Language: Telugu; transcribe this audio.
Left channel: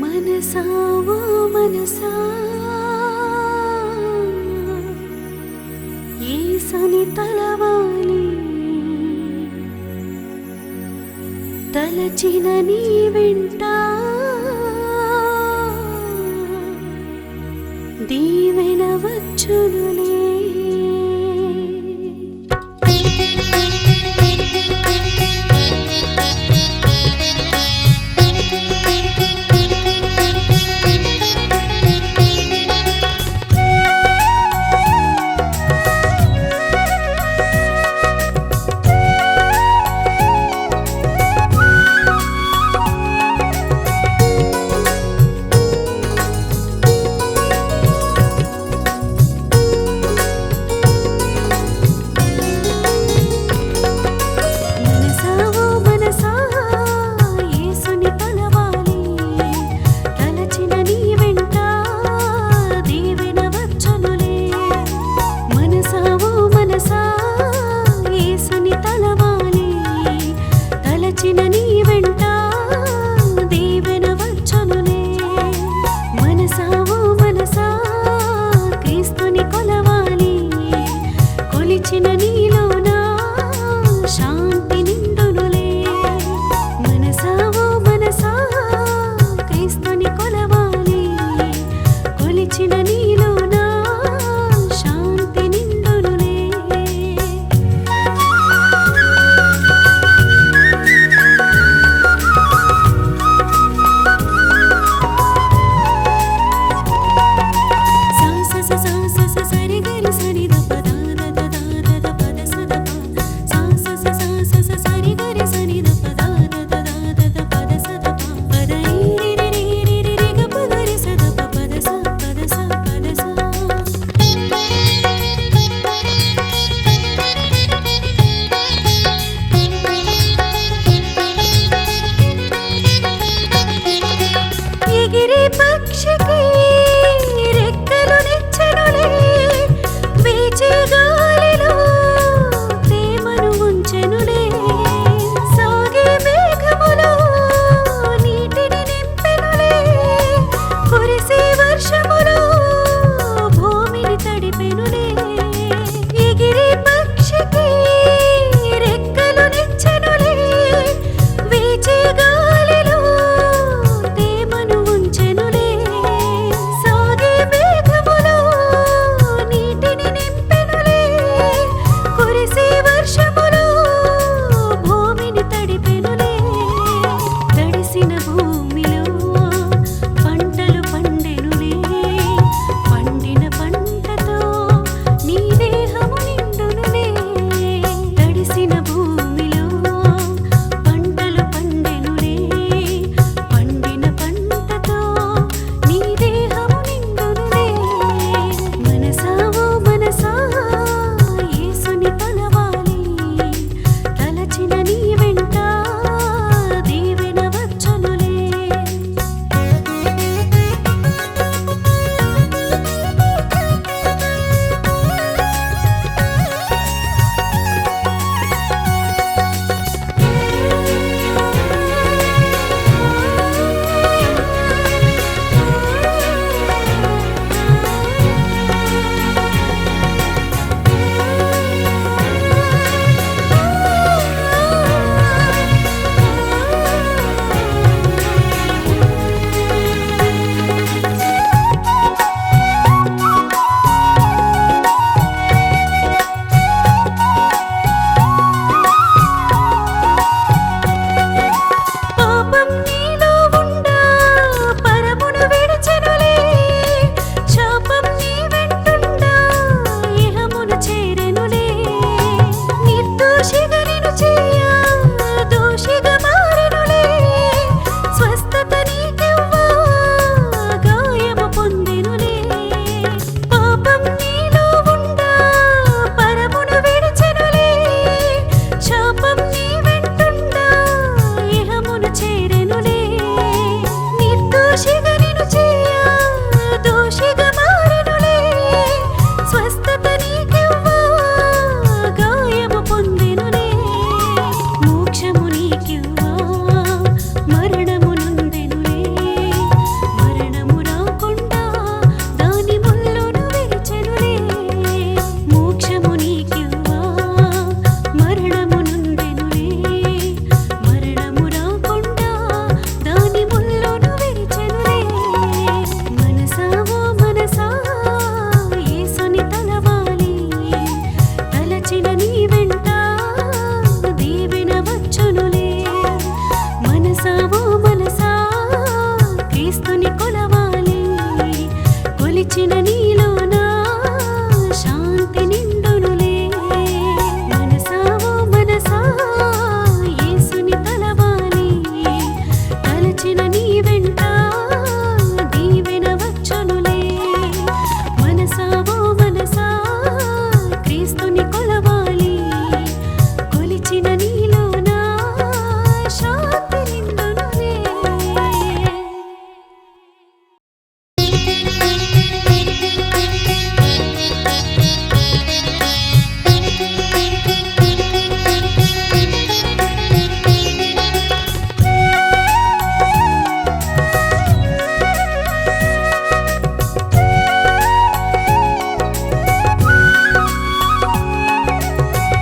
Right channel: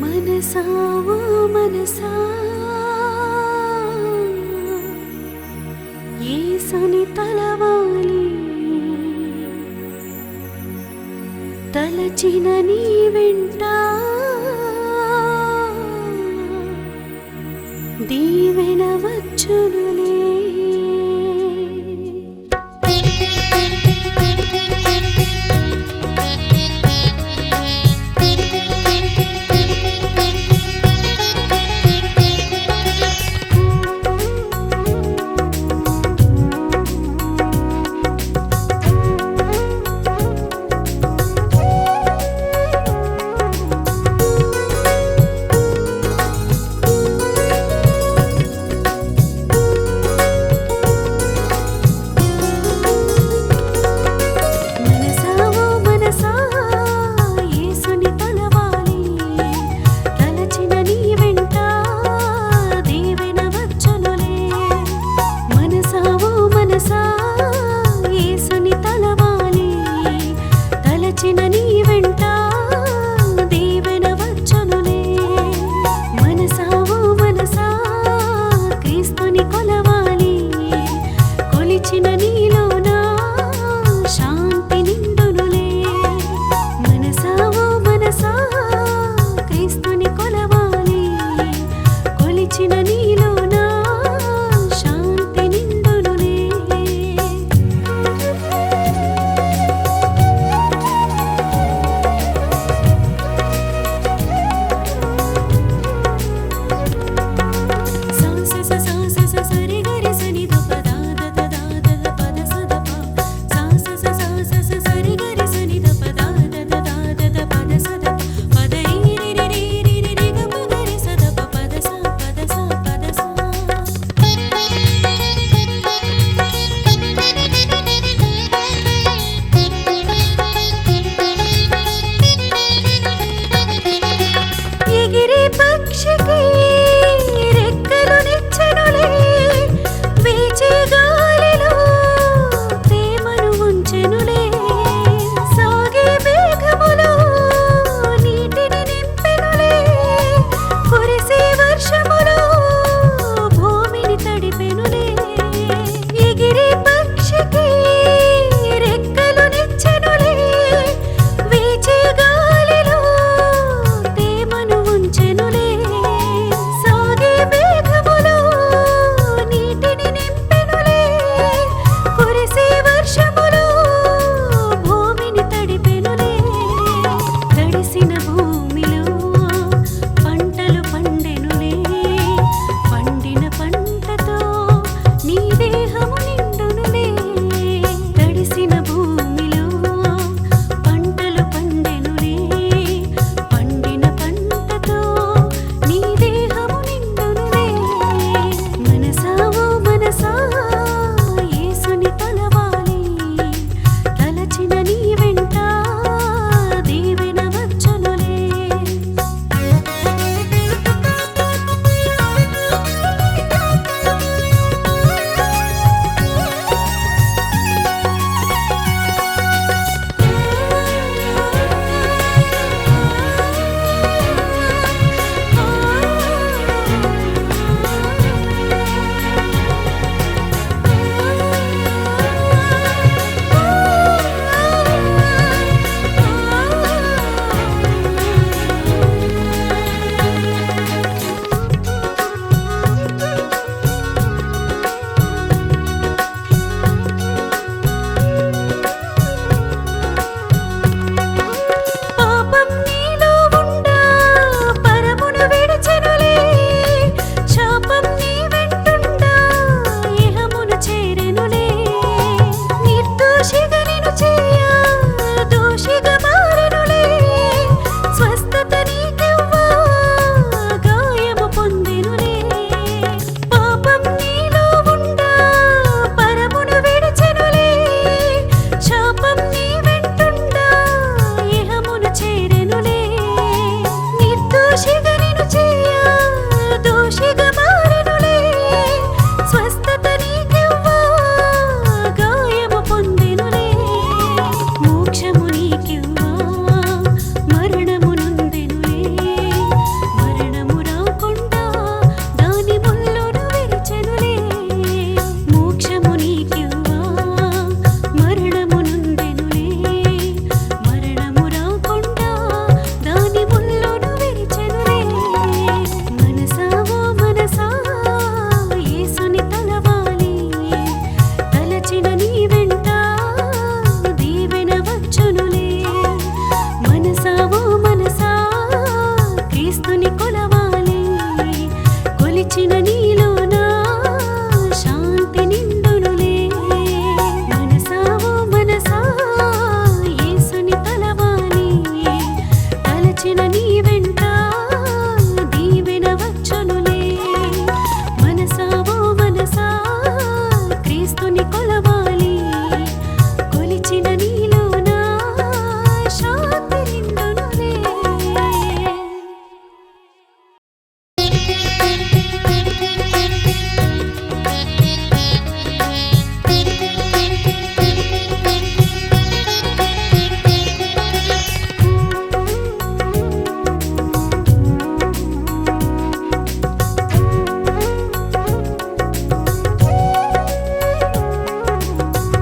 మనసా ఓ మనసా యేసుని తలవాలి తలచిన నీ వెంట దీవెన వచ్చునులే. తలచిన నీ వెంట దీవెన వచ్చునులే. మనసా ఓ మనసా క్రీస్తుని కొలవాలి కొలిచిన నీలోన శాంతి నిండునులే. మనసా ఓ మనసా క్రీస్తుని కొలవాలి కొలిచిన నీలోన శాంతి నిండునులే. ఎగిరే పక్షికి రెక్కలు నిచ్చెనులే, వీచే గాలిలో తేమను ఉంచెనులే. సాగే మేఘములో నీటిని నింపెనులే, కురిసే వర్షములో భూమిని తడిపెనులే. ఎగిరే పక్షికి రెక్కలు నిచ్చెనులే, వీచే గాలిలో తేమను ఉంచెనులే. సాగే మేఘములో నీటిని నింపెనులే, కురిసే వర్షములో భూమిని తడిపెనులే. తడిసిన భూమిలో పంటలు పండెనులే, పండిన పంటతో నీ దేహము నిండునులే. తడిసిన భూమిలో పంటలు పండెనులే, పండిన పంటతో నీ దేహము నిండునులే. మనసా ఓ మనసా యేసుని తలవాలి తలచిన నీ వెంట దీవెన వచ్చునులే. పాపం నీలో ఉండా పరమును విడిచెనులే, శాపం నీ వెంటుండా ఇహమును చేరెనులే. నిర్దోషిగా నిన్ను చేయ దోషిగా మారెనులే, స్వస్థత నీకివ్వా గాయము పొందెనులే. పాపం నీలో ఉండా పరమును విడిచెనులే, శాపం నీ వెంటుండా ఇహమును చేరెనులే. ఇచ్చిన నీ